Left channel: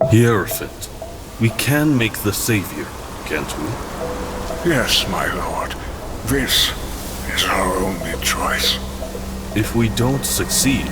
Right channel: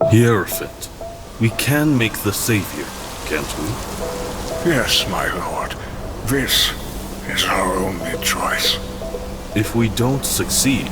Hierophant, we can make the savior, can't we? Yes, my lord. This is our only choice. If we don't succeed,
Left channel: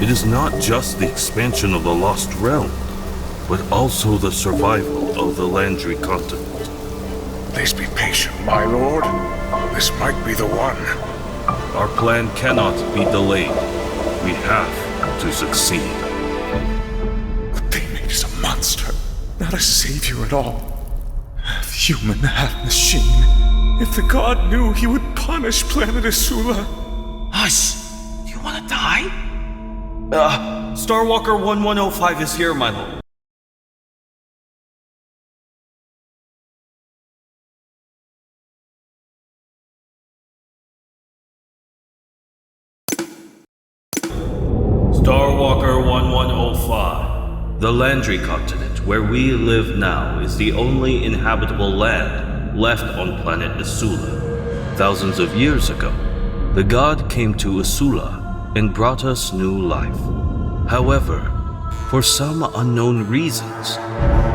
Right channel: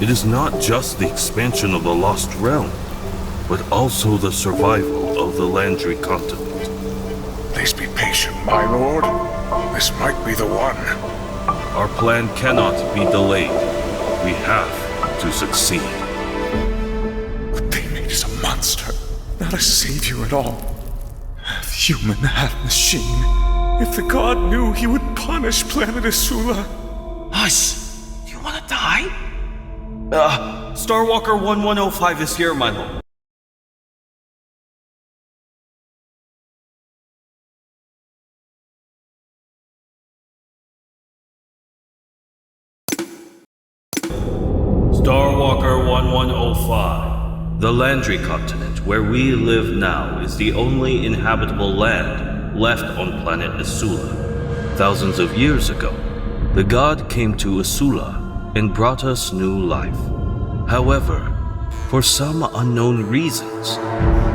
it is not just the expansion of the Lost Realm, but also the survival of the Landry Continent. Please be patient, my lord. This might be the one. Our plan cannot be delayed. We have to succeed. What they made is a monster, not a savior at all. Half human, half machine. If the god knew, he would punish Planet Esula. Hush! Do you want to die? Starwalker 1105 is here, my lord. Starwalker 1105. The Landry Continent, where we live now, is the only inhabitable land left on Planet Esula. Thousands of years ago, the god came to Esula and brought us new life. However, for some unknown reasons,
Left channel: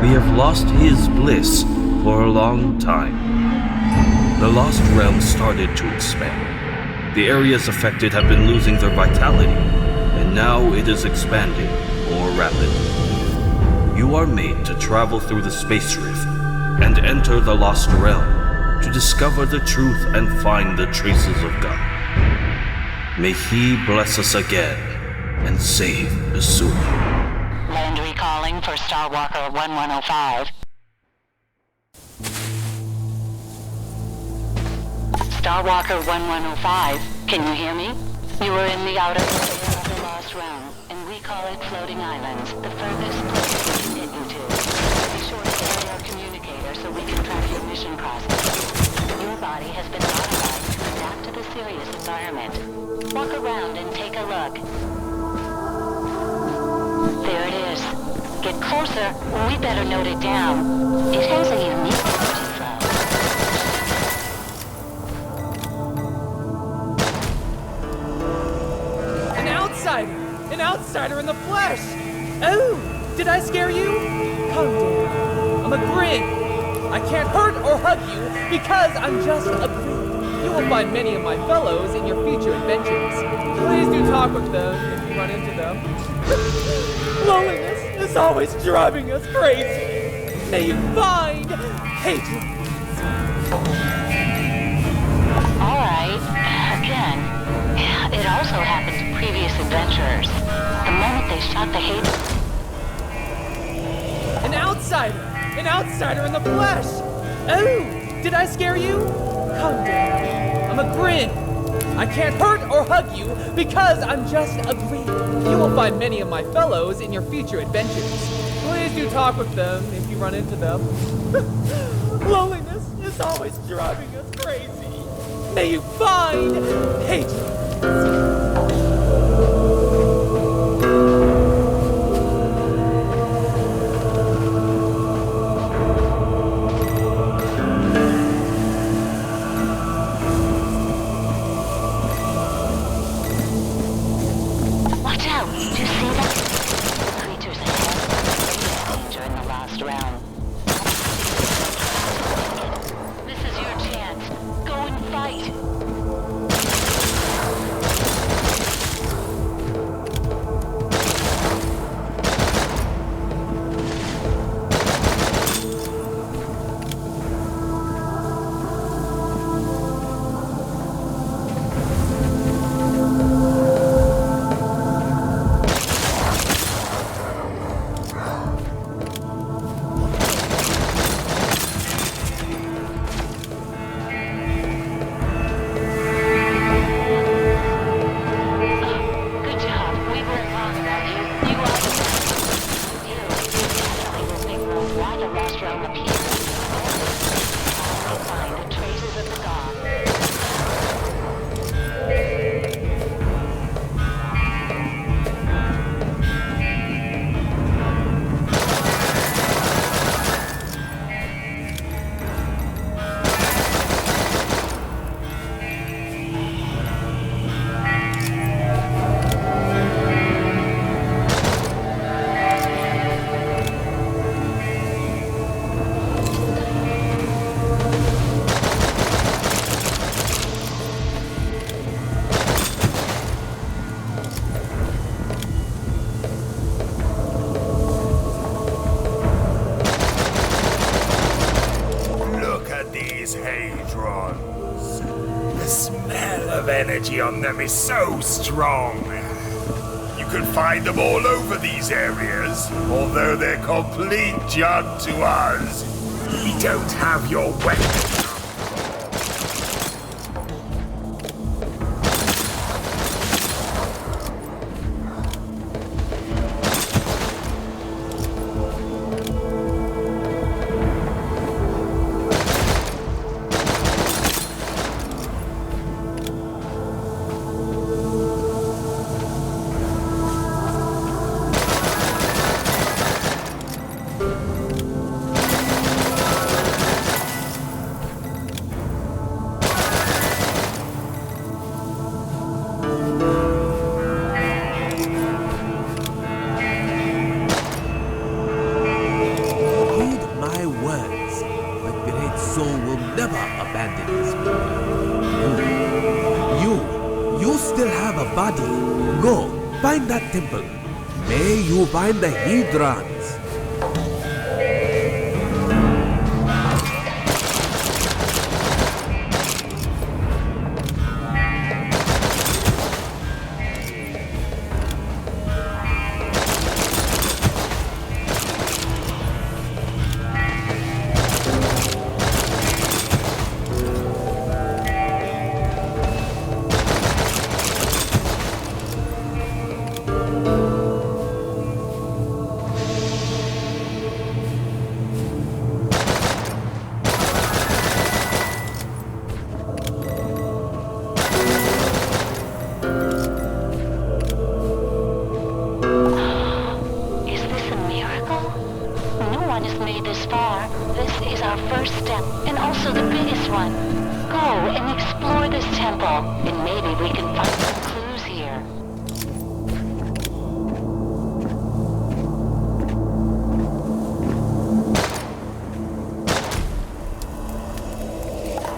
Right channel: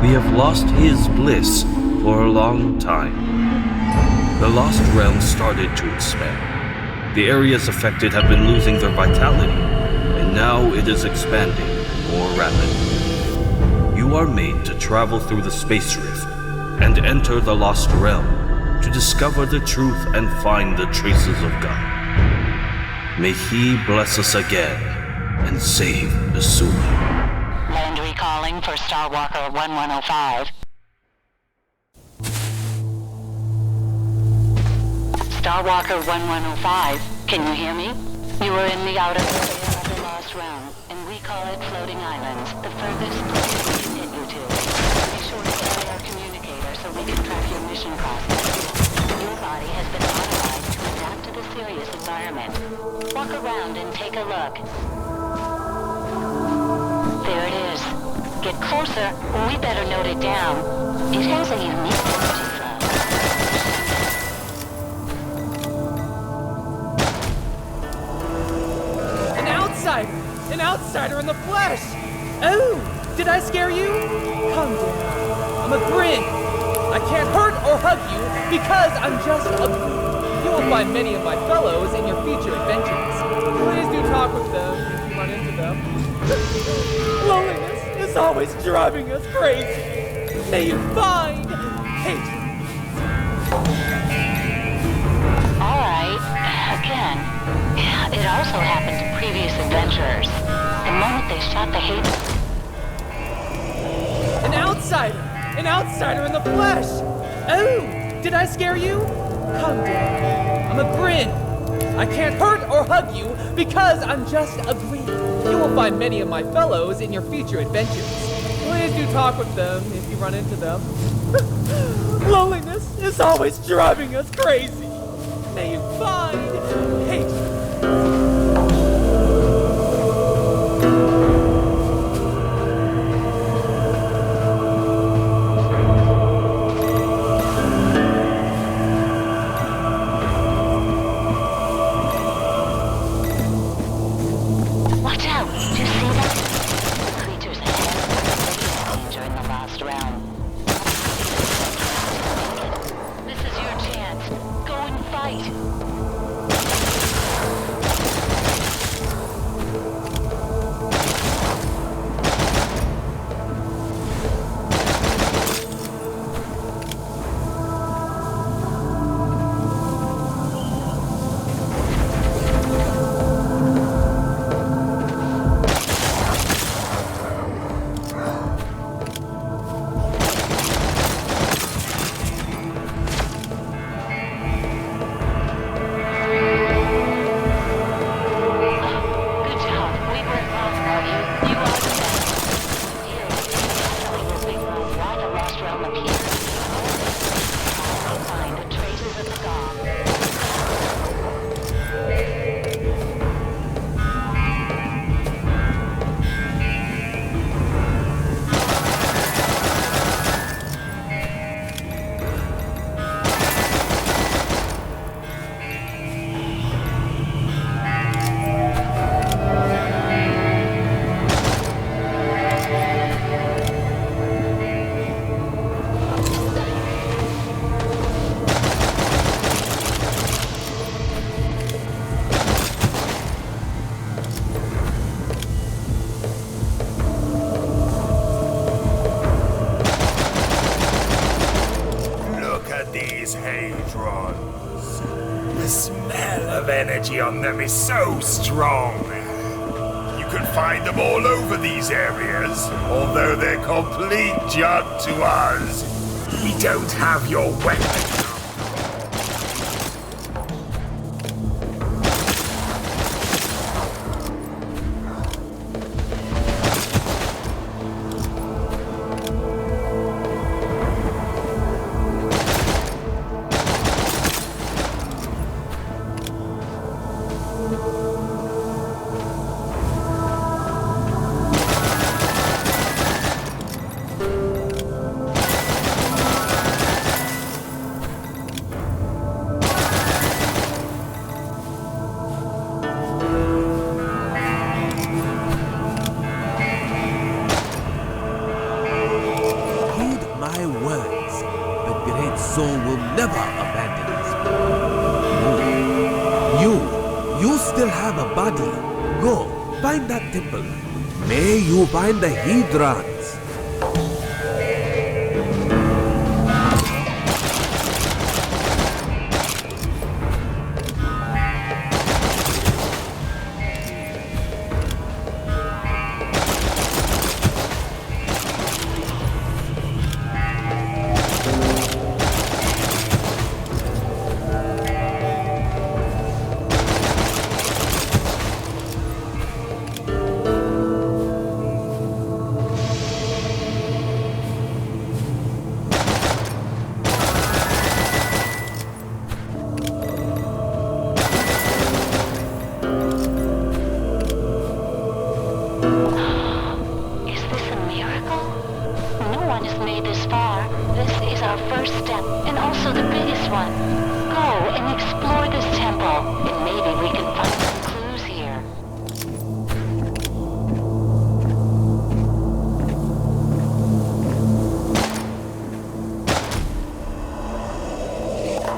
we have lost his bliss for a long time. The Lost Realm started to expand. The areas affected have been losing their vitality, and now it is expanding more rapidly. You are made to travel through the space rift and enter the Lost Realm to discover the truth and find the traces of God. May He bless us again and save Esula. Landry calling for Starwalker 1105. Starwalker 1105, can you hear me? You are in the outer area of the Lost Realm, and we call it Floating Islands, the furthest place we can get you to. Be sure to carry our communicator so we can track your mission process. Your body has been modified to adapt to the Sirius environment. Walk around and take a look. There it is. Get closer, or we better note it down. It has a unique energy flow. An outsider in the flesh! Oh, did I scare you? Calm down. I'm a grin. I can't hurt or hug you because I'm just a grin. You will find many of my fellows in your future adventures. Please do talk with them if you run into them. Loneliness is always driving us crazy. May you find hatred. All right, again. It also happened to previous adventurers. The moment they shot the hate... An outsider in the flesh! Oh, did I scare you? Calm down. I'm a grin. I can't hurt or hug you because I'm just a grin. You will find many of my fellows in your future adventures. Please do talk with them if you run into them. Loneliness is always driving us crazy. May you find hatred. Watch out! Do you see that? The creatures ahead are danger in the Lost Realm. This is your chance. Go and fight. of energy on them is so strong. You can find them all over these areas, although they're complete junk to us. We don't have your weapons. My words, the great soul will never abandon his people. You still have a body. Go, find that temple. May you find the Hedrons.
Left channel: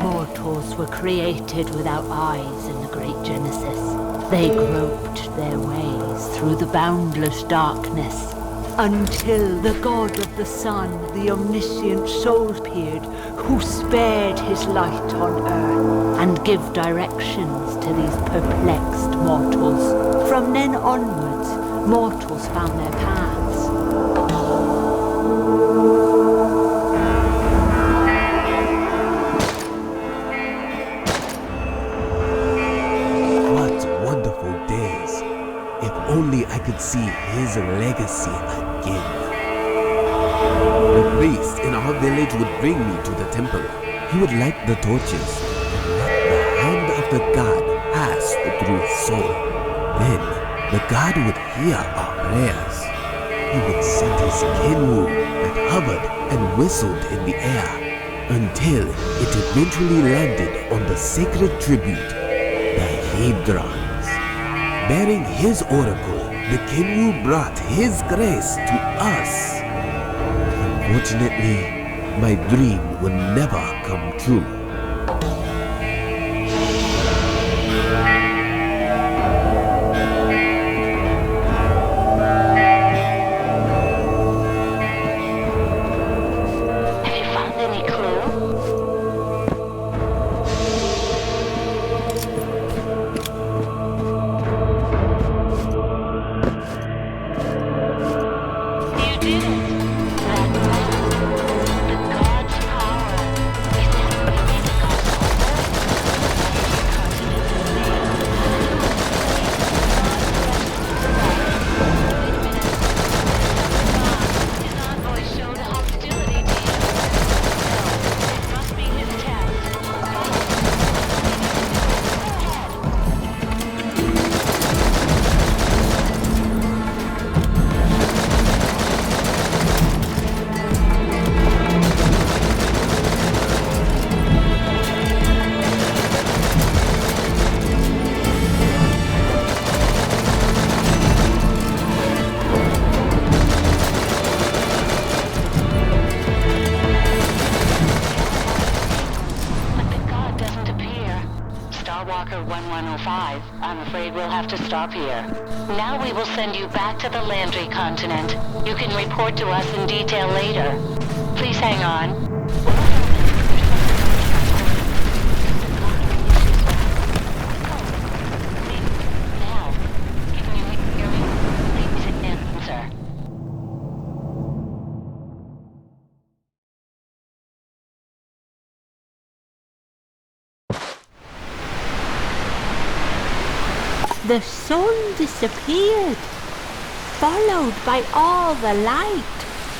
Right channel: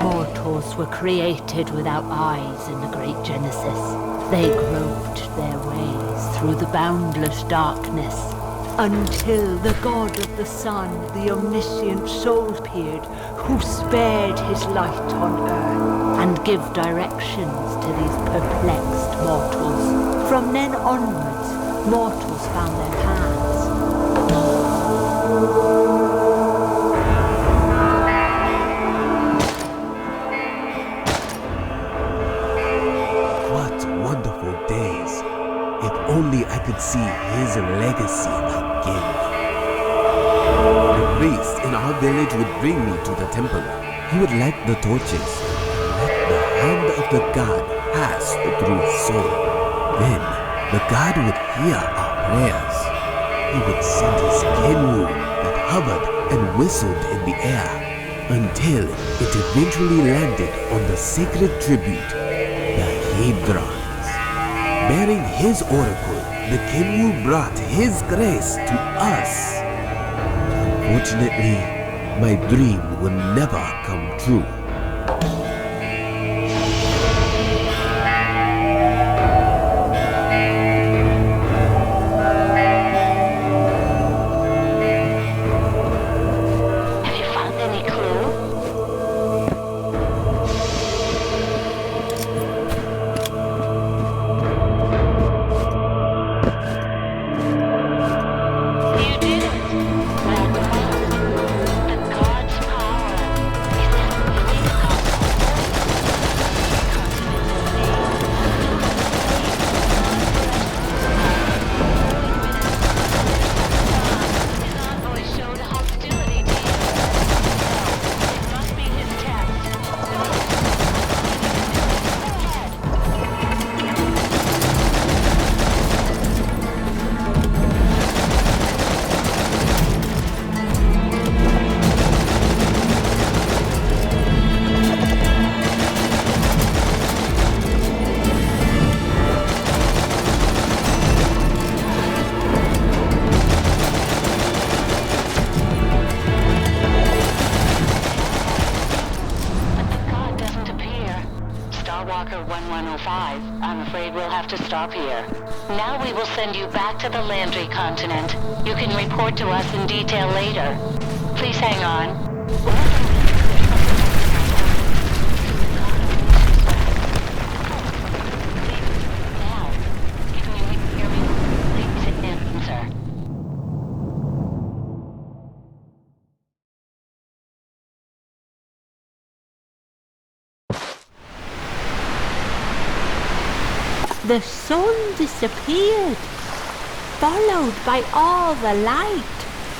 Mortals were created without eyes in the Great Genesis. They groped their ways through the boundless darkness until the god of the sun, the omniscient soul appeared, who spared his light on earth and give directions to these perplexed mortals. From then onwards, mortals found their paths. Wonderful days. If only I could see his legacy again. The priest in our village would bring me to the temple. He would light the torches and let the hand of the god pass through his soul. Then the god would hear our prayers. He would send his Kenwu that hovered and whistled in the air until it eventually landed on the sacred tribute, the Hedron. Bearing his oracle, the Kenwu brought his grace to us. Unfortunately, my dream will never come true. Have you found any clue? I'm afraid we'll have to stop here. Now we will send you back to the Landry Continent. You can report to us in detail later. Please hang on. There's something on the the sun disappeared, followed by all the light,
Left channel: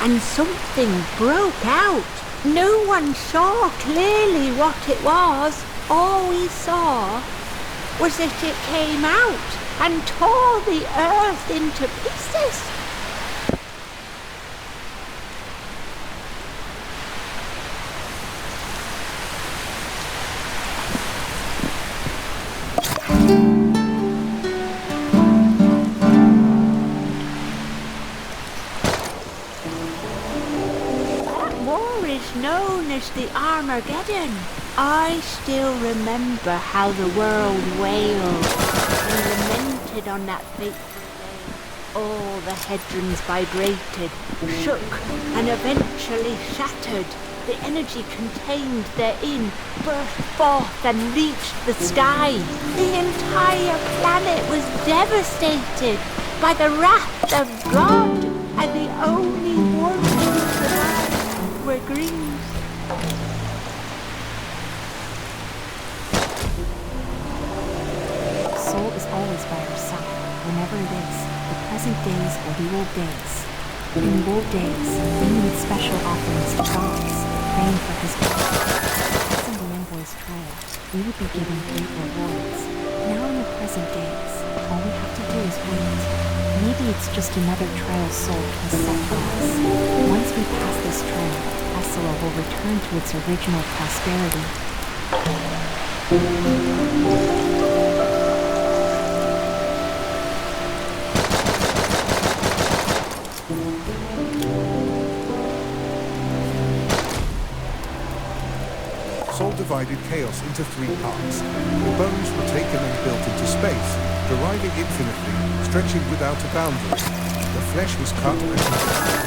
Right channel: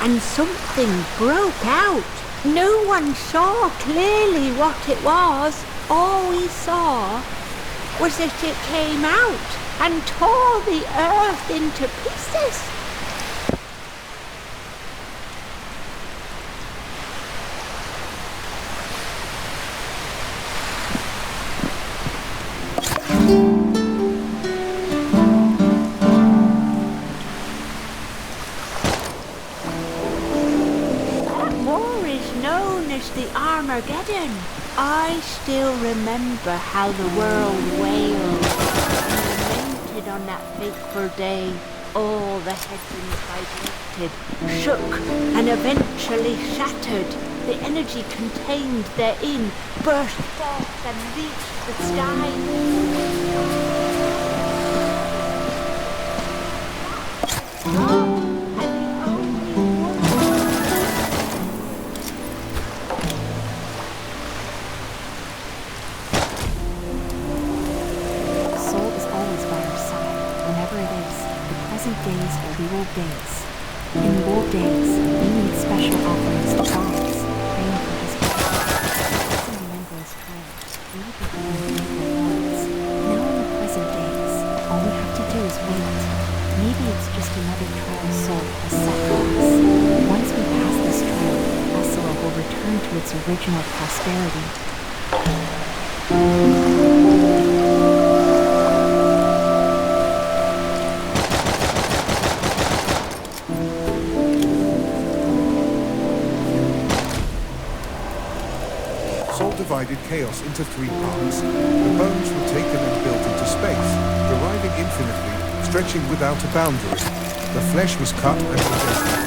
and something broke out. No one saw clearly what it was. All we saw was that it came out and tore the earth into pieces. Known as the Armageddon. I still remember how the world wailed and lamented on that fateful day. All the headlands vibrated, shook, and eventually shattered. The energy contained therein burst forth and reached the sky. The entire planet was devastated by the wrath of God, and the only words were grief. Soul is always by our side, whenever it is. The present days are the old days. In the old days, we made special offerings to gods, praying for his blessing the envoy's trial. We would be given great rewards. Now in the present days, all we have to do is wait. Maybe it's just another trial Soul has set for us. Once we pass this trial, Esula will return to its original prosperity. Soul divided chaos into 3 parts. The bones were taken and built into space, deriving infinitely, stretching without a boundary. The flesh was cut and congested,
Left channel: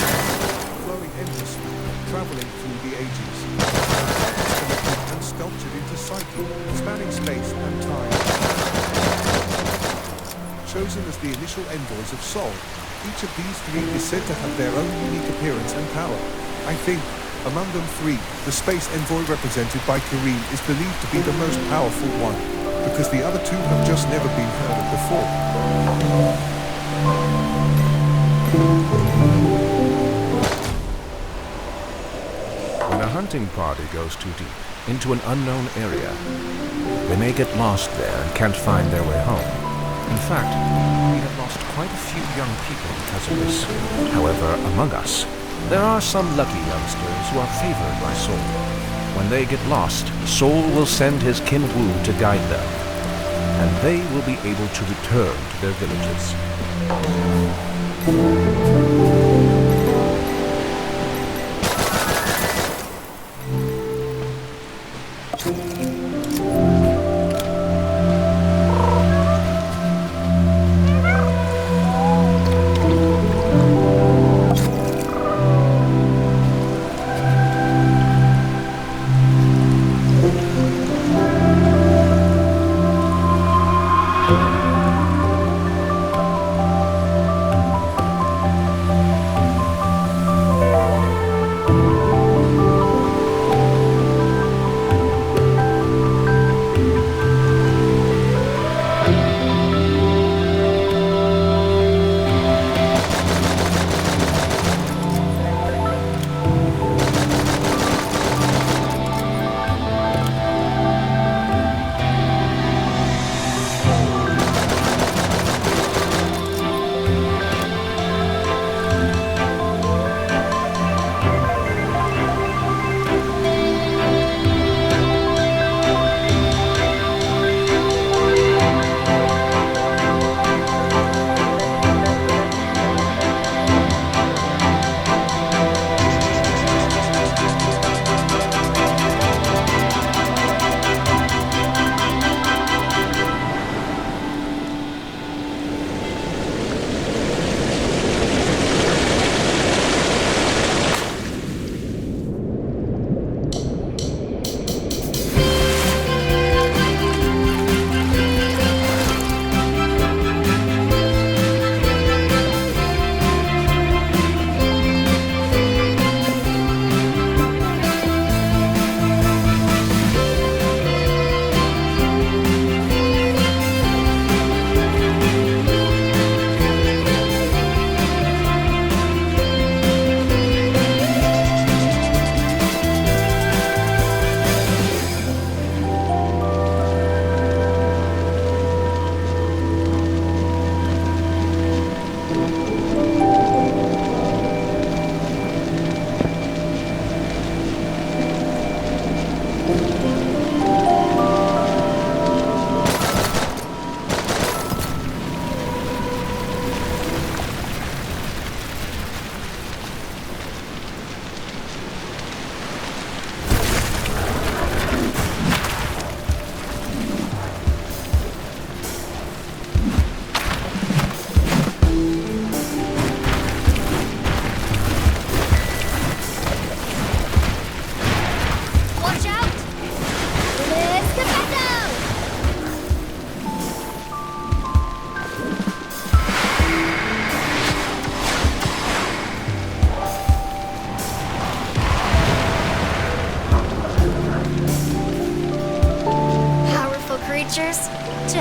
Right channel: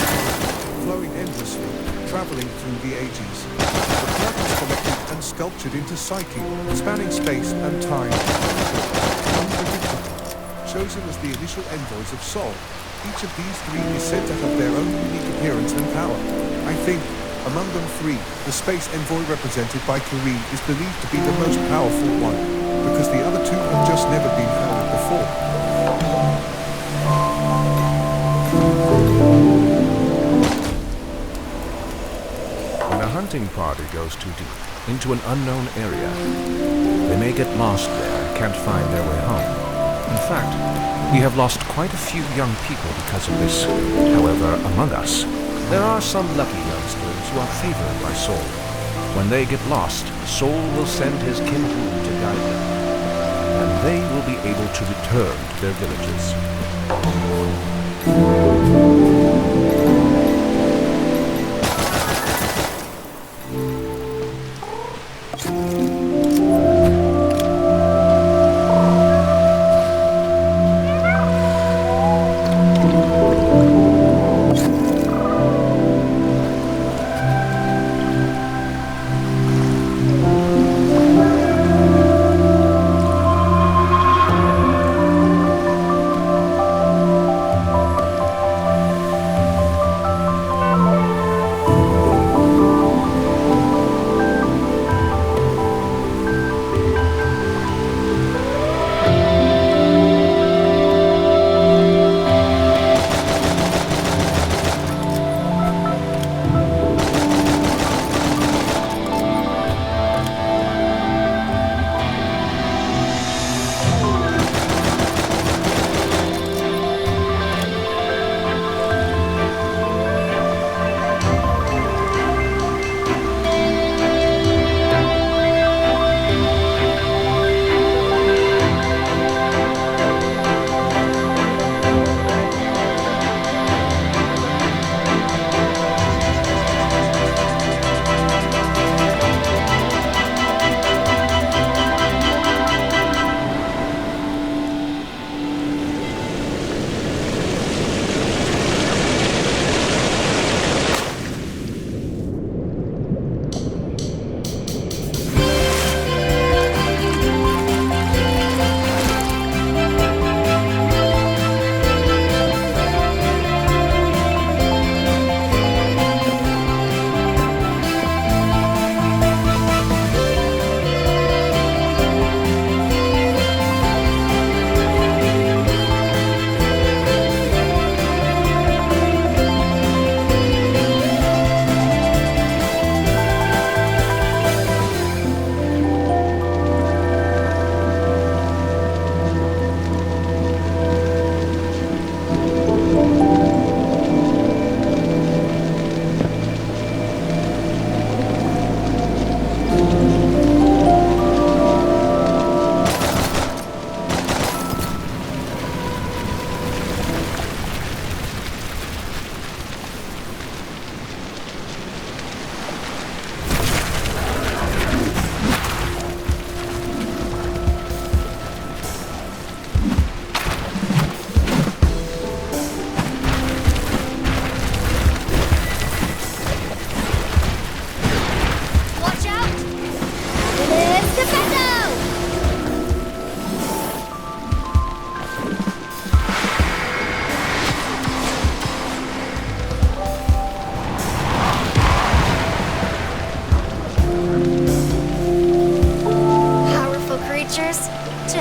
flowing endlessly, traveling through the ages. The blood was collected and sculptured into psyche, spanning space and time. Unpredictable, chosen as the initial envoys of Soul. Each of these 3 is said to have their own unique appearance and power. I think, among them 3, the space envoy represented by Kareen is believed to be the most powerful one, because the other 2 have just never been heard of before. When a hunting party goes too deep, into an unknown area, they may get lost there and can't find their way home. In fact, we have lost quite a few young people because of this. However, among us, there are some lucky youngsters who are favored by Soul. When they get lost, Soul will send his Kim Woo to guide them, and they will be able to return to their villages.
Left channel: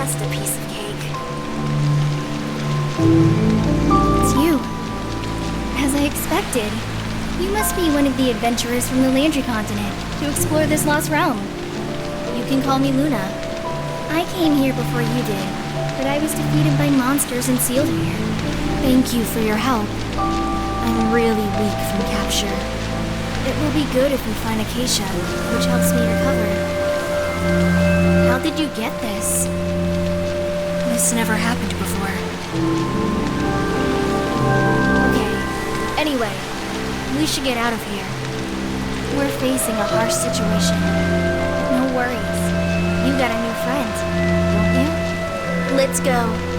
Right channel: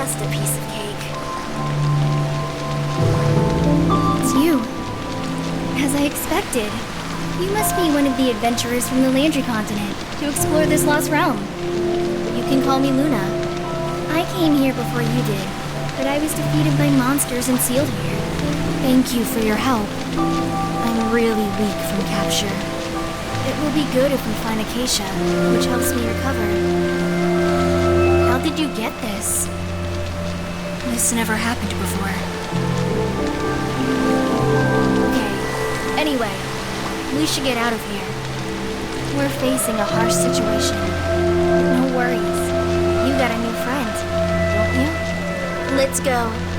just a piece of cake. It's you. As I expected. You must be one of the adventurers from the Landry Continent to explore this lost realm. You can call me Luna. I came here before you did, but I was defeated by monsters and sealed here. Thank you for your help. I'm really weak from capture. It will be good if we find Acacia, which helps me recover. How did you get this? This never happened before. Okay, anyway, we should get out of here. We're facing a harsh situation. But no worries. You got a new friend, don't you? Let's go.